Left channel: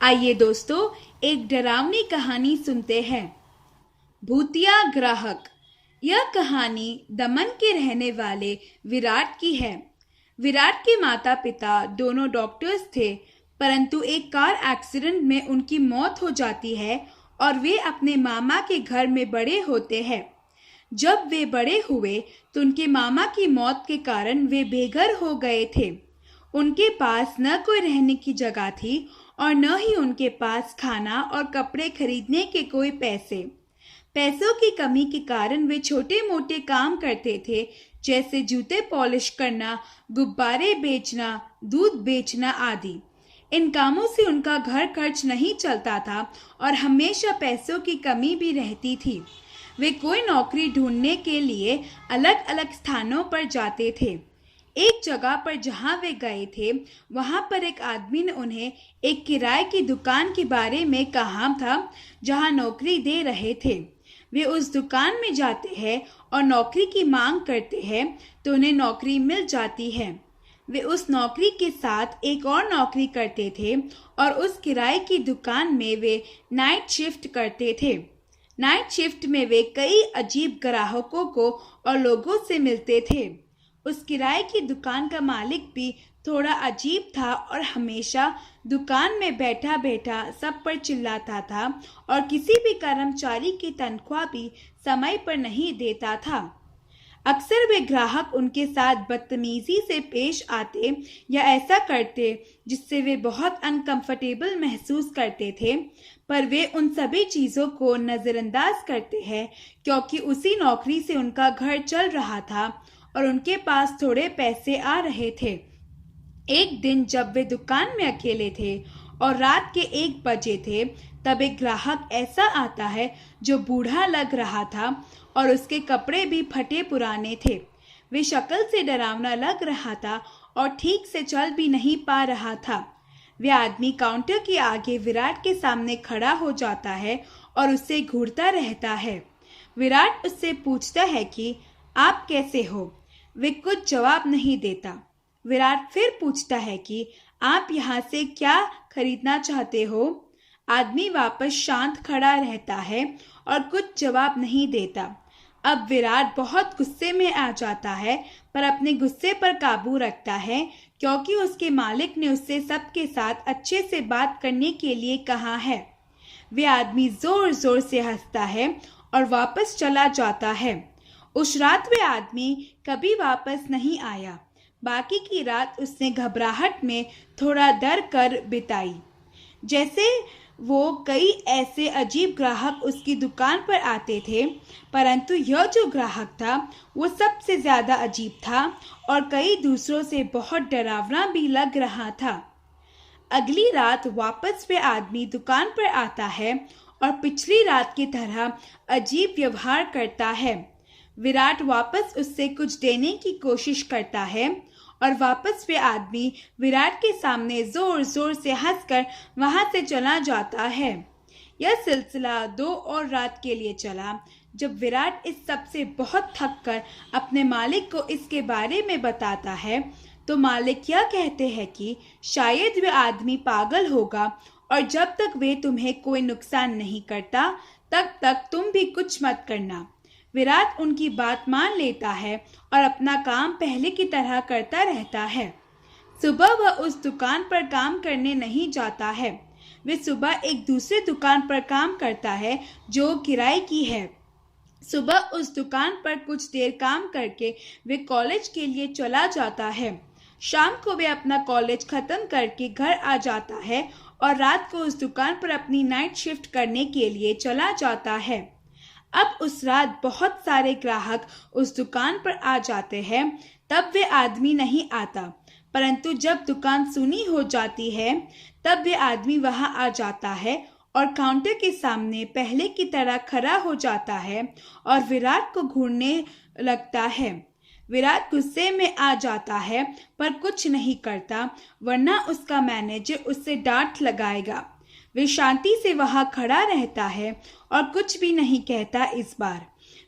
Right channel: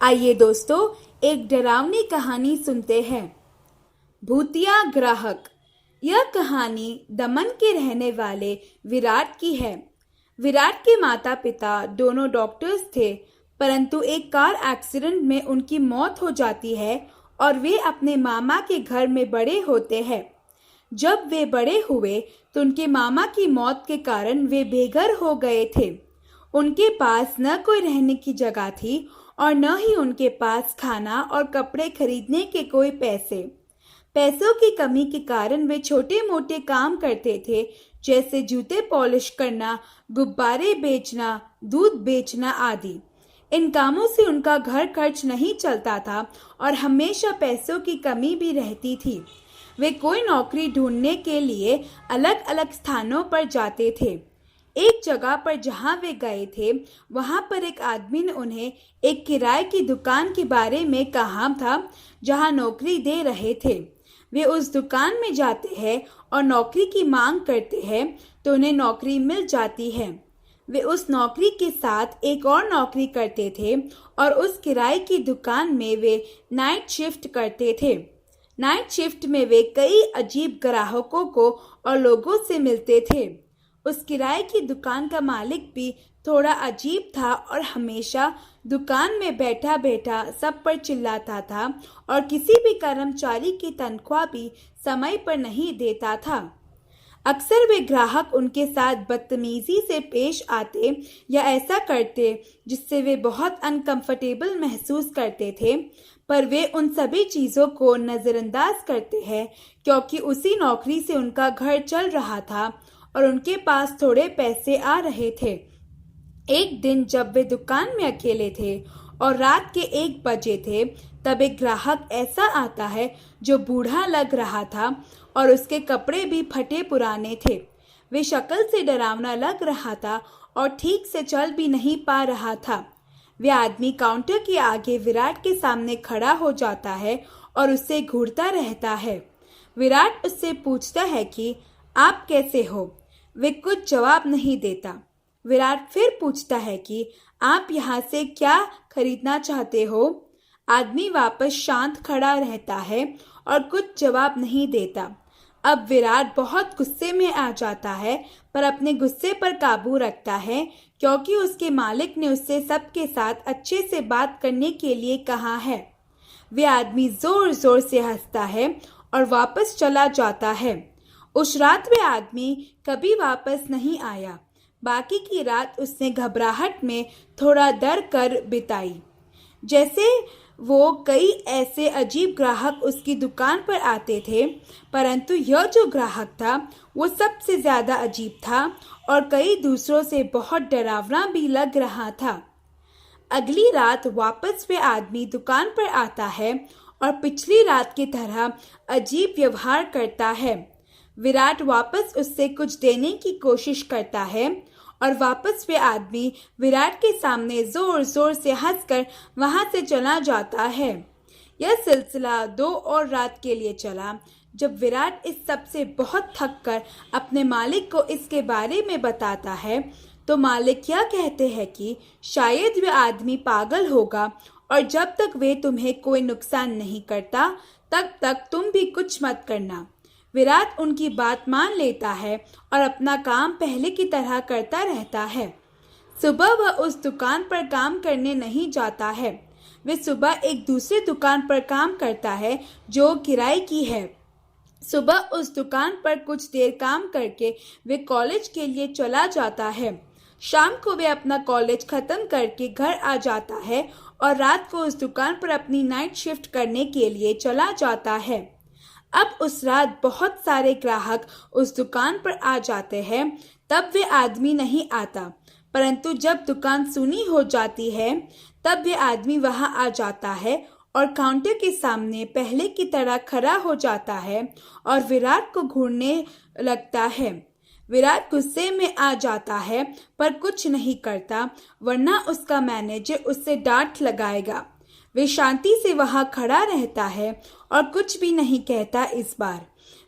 आइए दोस्तों, एक डरावनी कहानी सुनते हैं। भूतिया ग्राहक। यह कहानी दमन के रहने वाले विराट की है। विराट के माता पिता दोनों डॉक्टर्स थे, परंतु एक कार एक्सीडेंट में उनकी मौत हो जाती है और वे अपने मामा के घर में बड़े होते हैं। जब वे बड़े हुए तो उनके मामा की मौत के कारण वे बेघर हो गए थे। उनके पास न कोई रहने की जगह थी और न ही उनके पास खाना और कपड़े खरीदने के कोई पैसों की कमी के कारण वे छोटे मोटे काम करते थे, जैसे जूते पॉलिश करना, गुब्बारे बेचना, दूध बेचना आदि। इन कामों से उनका घर खर्च नहीं चलता था और हमेशा पैसों की कमी भी रहती थी। वे कोई नौकरी ढूंढने के लिए अलग अलग स्थानों पर जाते थे। एक जगह पर जहां वे गए थे, वहां पर एक आदमी ने उन्हें एक किराए की दुकान के बारे में कहा था, जहां नौकरी दे रहे थे। वे उस दुकान में जाते हैं और नौकरी की मांग करते हैं तो उन्हें नौकरी मिल जाती है। वे उस नौकरी के साथ एक और नौकरी करते थे और उस किराए की दुकान में वे नाइट शिफ्ट करते थे। नाइट शिफ्ट में वे कई अजीब ग्राहकों को और लोगों से मिलते थे। उस किराए की दुकान का मालिक भी थोड़ा अजीब था और हमेशा दुकान में बैठा बैठा सब पर चिल्लाता था और किसी भी कर्मचारी की तनख्वाह भी समय पर नहीं देता था। अक्सर वे ग्राहक उनके साथ बदतमीजी से पेश आते या ऐसा करते जिससे वे बहुत अनकंफर्टेबल महसूस करते थे, पर वे उन सभी चीज़ों को नज़रअंदाज करते हैं क्योंकि उसी नौकरी से उनका घर चल रहा था और उनके पास थोड़े पैसे आ रहे थे। एक दिन जब वे दुकान में अकेले थे और रात के 1 बजे थे, तब एक ग्राहक ऐसा आता है जो बूढ़ा लग रहा था और उसके कपड़े भी फटे पुराने थे। वे शक्ल से डरावना लग रहा था और ठीक से चल भी नहीं पा रहा था। वे आदमी काउंटर के आगे विराट के सामने खड़ा हो जाता है और उससे घूरता रहता है। विराट उससे पूछता है कि आप कैसे हो? वे कुछ जवाब नहीं देता। विराट फिर पूछता है कि आप यहाँ से क्या खरीदना चाहते हो? आदमी वापस शांत खड़ा रहता है और कुछ जवाब नहीं देता। अब विराट बहुत गुस्से में आ जाता है, पर अपने गुस्से पर काबू रखता है क्योंकि उसके मालिक ने उससे सबके साथ अच्छे से बात करने के लिए कहा है। वे आदमी जोर जोर से हंसता है और वापस चला जाता है। उस रात वे आदमी कभी वापस नहीं आया। बाकी की रात उसने घबराहट में थोड़ा डर कर बिताई। जैसे वो कई ऐसे अजीब ग्राहक उसकी दुकान पर आते थे, परंतु यह जो ग्राहक था वो सबसे ज़्यादा अजीब था और कई दूसरों से बहुत डरावना भी लग रहा था। अगली रात वापस वे आदमी दुकान पर आता है और पिछली रात की तरह अजीब व्यवहार करता है। विराट वापस उससे कुछ देने की कोशिश करता है और वापस वे आदमी विराट के सामने जोर जोर से हंसकर वहां से चला जाता है। यह सिलसिला 2 और रात के लिए चला। जब विराट इस सब से बहुत थक कर अपने मालिक को इसके बारे में बताता है, तो मालिक यह कहते हैं कि शायद वे आदमी पागल होगा और जब तक वे तुम्हें कोई नुकसान नहीं करता, तब तक तुम भी कुछ मत करना। विराट उनकी बात मान लेता है और अपना काम पहले की तरह करता रहता है। सुबह वह उस दुकान पर काम करने नहीं जाता है। वे सुबह एक दूसरी दुकान पर काम करता है जो किराए की है। सुबह उस दुकान पर कुछ देर काम करके वे कॉलेज के लिए चला जाता है। शाम को वे अपना कॉलेज खत्म करके घर आ जाता है और रात को उस दुकान पर अपनी नाइट शिफ्ट करने के लिए चला जाता है। अब उस रात बहुत सारे ग्राहक उस दुकान पर आ जाते हैं, तब वे आदमी नहीं आता, परंतु जब दुकान सूनी हो जाती है तब वे आदमी वहां आ जाता है और काउंटर के सामने पहले की तरह खड़ा हो जाता है और विराट को घूरने लगता है। विराट गुस्से में आ जाता है पर कुछ नहीं करता, वरना उसका मैनेजर उससे डांट लगाएगा। वे शांति से वहां खड़ा रहता है और कुछ भी नहीं कहता। इस बार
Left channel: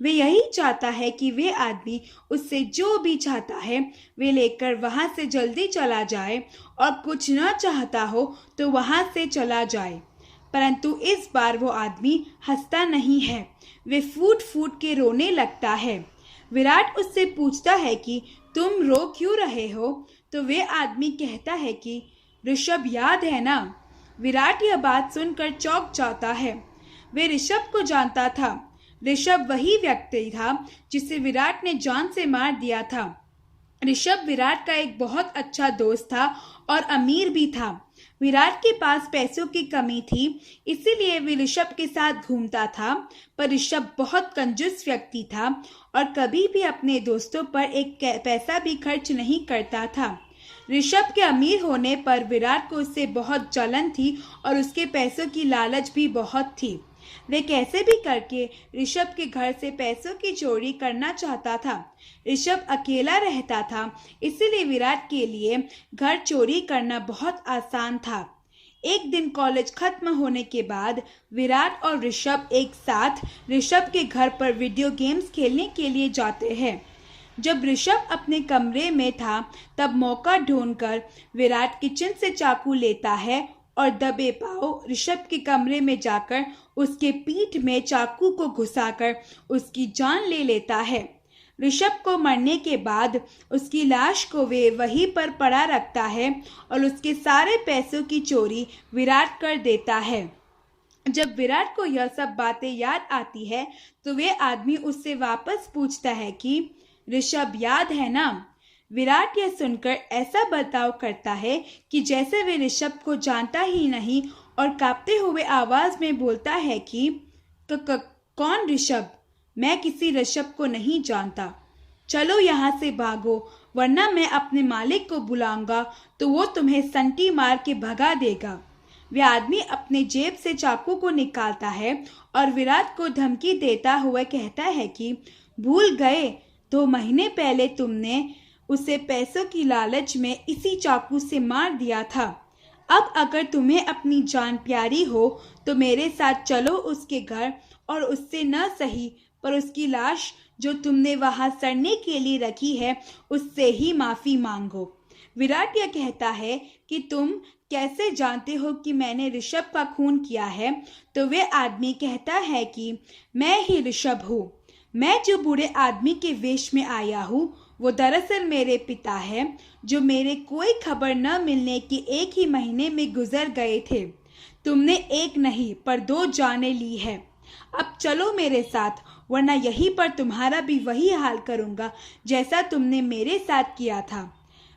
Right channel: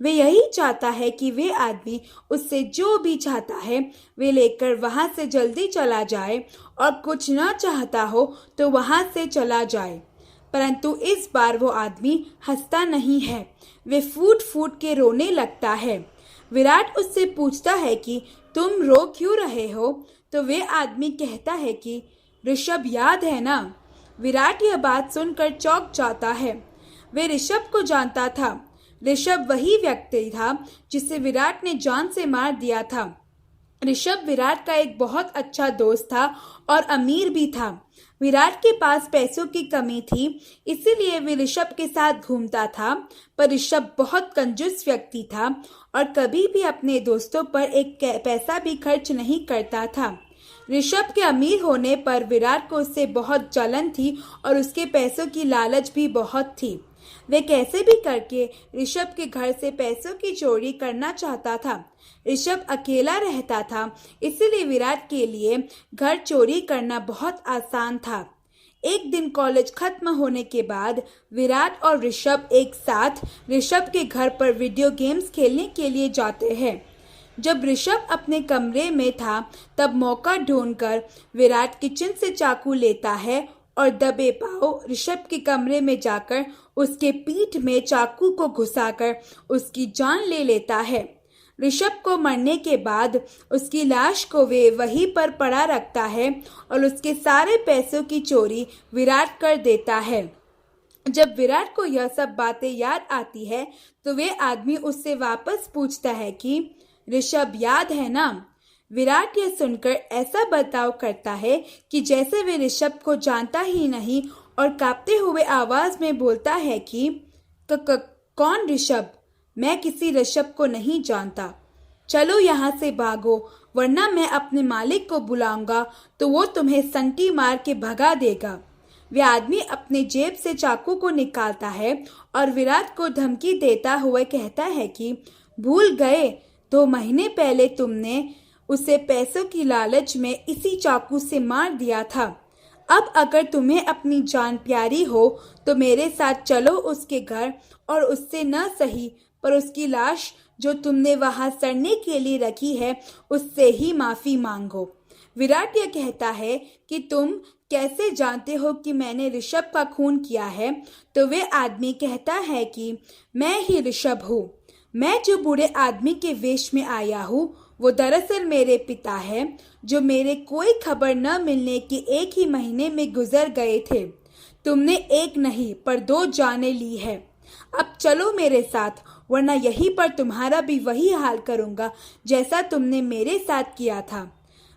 वे यही चाहता है कि वे आदमी उससे जो भी चाहता है वे लेकर वहाँ से जल्दी चला जाए और कुछ न चाहता हो तो वहाँ से चला जाए। परंतु इस बार वो आदमी हंसता नहीं है, वे फूट फूट के रोने लगता है। विराट उससे पूछता है कि तुम रो क्यों रहे हो? तो वे आदमी कहता है कि ऋषभ याद है ना। विराट यह बात सुनकर चौंक जाता है। वे ऋषभ को जानता था। ऋषभ वही व्यक्ति था जिसे विराट ने जान से मार दिया था। ऋषभ विराट का एक बहुत अच्छा दोस्त था और अमीर भी था। विराट के पास पैसों की कमी थी, इसीलिए वे ऋषभ के साथ घूमता था। पर ऋषभ बहुत कंजूस व्यक्ति था और कभी भी अपने दोस्तों पर एक पैसा भी खर्च नहीं करता था। ऋषभ के अमीर होने पर विराट को उससे बहुत जलन थी और उसके पैसों की लालच भी बहुत थी। वे कैसे भी करके ऋषभ के घर से पैसों की चोरी करना चाहता था। ऋषभ अकेला रहता था, इसीलिए विराट के लिए घर चोरी करना बहुत आसान था। एक दिन कॉलेज खत्म होने के बाद विराट और ऋषभ एक साथ ऋषभ के घर पर वीडियो गेम्स खेलने के लिए जाते हैं। जब ऋषभ अपने कमरे में था तब मौका ढूंढकर विराट किचन से चाकू लेता है और दबे पांव ऋषभ के कमरे में जाकर उसके पीठ में चाकू को घुसाकर उसकी जान ले लेता है। ऋषभ को मरने के बाद उसकी लाश को वे वहीं पर पड़ा रखता है और उसके सारे पैसों की चोरी विराट कर देता है। जब विराट को यह सब बातें याद आती है तो वे आदमी उससे वापस पूछता है कि ऋषभ याद है ना। विराट यह सुनकर ऐसा बर्ताव करता है कि जैसे वे ऋषभ को जानता ही नहीं और कांपते हुए आवाज में बोलता है कि कौन ऋषभ? मैं किसी ऋषभ को नहीं जानता। चलो यहाँ से भागो, वरना मैं अपने मालिक को बुलाऊंगा तो वो तुम्हें संटी मार के भगा देगा। वे आदमी अपने जेब से चाकू को निकालता है और विराट को धमकी देता हुआ कहता है कि भूल गए, 2 महीने पहले तुमने उसे पैसों की लालच में इसी चाकू से मार दिया था। अब अगर तुम्हें अपनी जान प्यारी हो तो मेरे साथ चलो उसके घर और उससे न सही पर उसकी लाश जो तुमने वहां सड़ने के लिए रखी है उससे ही माफी मांगो। विराट यह कहता है कि तुम कैसे जानते हो कि मैंने ऋषभ का खून किया है? तो वे आदमी कहता है कि मैं ही ऋषभ हूँ। मैं जो बूढ़े आदमी के वेश में आया हूँ वो दरअसल मेरे पिता है, जो मेरे कोई खबर न मिलने के 1 ही महीने में गुजर गए थे। तुमने 1 नहीं पर 2 जानें ली है। अब चलो मेरे साथ, वरना यहीं पर तुम्हारा भी वही हाल करूँगा जैसा तुमने मेरे साथ किया था।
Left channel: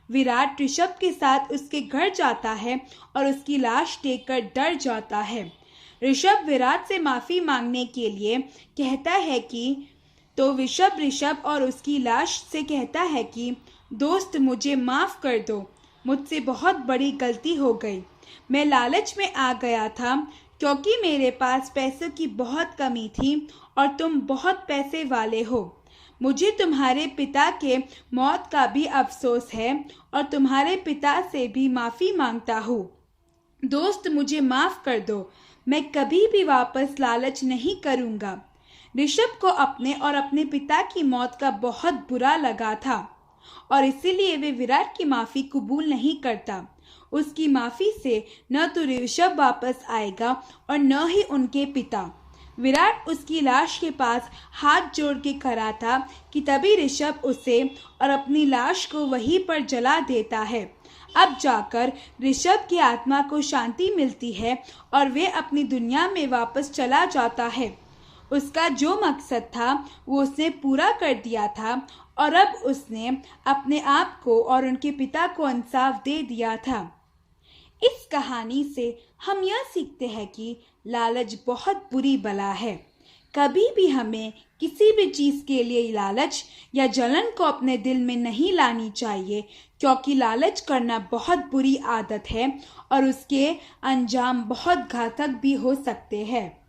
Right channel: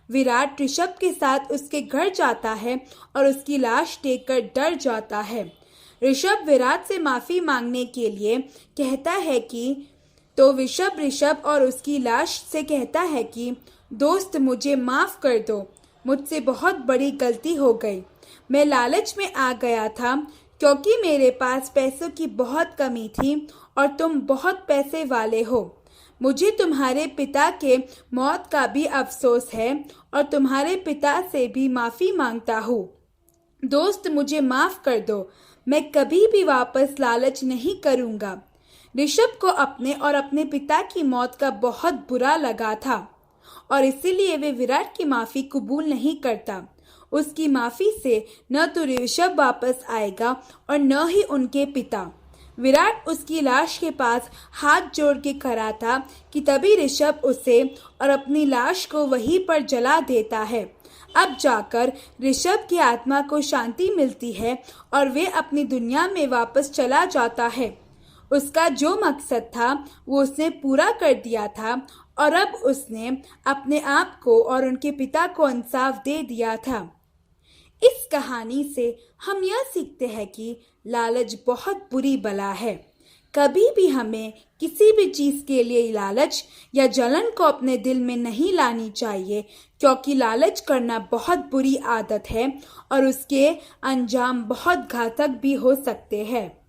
विराट ऋषभ के साथ उसके घर जाता है और उसकी लाश देखकर डर जाता है। ऋषभ विराट से माफ़ी मांगने के लिए कहता है कि तो ऋषभ और उसकी लाश से कहता है कि दोस्त मुझे माफ़ कर दो, मुझसे बहुत बड़ी गलती हो गई। मैं लालच में आ गया था क्योंकि मेरे पास पैसों की बहुत कमी थी और तुम बहुत पैसे वाले हो। मुझे तुम्हारे पिता के मौत का भी अफसोस है और तुम्हारे पिता से भी माफ़ी मांगता हूँ। दोस्त मुझे माफ़ कर दो, मैं कभी भी वापस लालच नहीं करूँगा। ऋषभ को अपने और अपने पिता की मौत का बहुत बुरा लगा था और इसीलिए वे विराट की माफ़ी कबूल नहीं करता। उसकी माफ़ी से न तो ऋषभ वापस आएगा और न ही उनके पिता। विराट उसकी लाश के पास हाथ जोड़ के खड़ा था कि तभी ऋषभ उसे और अपनी लाश को वहीं पर जला देता है। अब जाकर ऋषभ की आत्मा को शांति मिलती है और वे अपनी दुनिया में वापस चला जाता है। उसका जो मकसद था वो उसने पूरा कर दिया था और अब उसने अपने आप को और उनके पिता को इंसाफ दे दिया था। इस कहानी से हम यह सीखते हैं कि लालच बहुत बुरी बला है। कभी भी हमें किसी भी चीज़ के लिए लालच या जलन को अपने दिल में नहीं लानी चाहिए, क्योंकि लालच करना बहुत बुरी आदत है और उसके अंजाम बहुत घातक भी हो सकते हैं।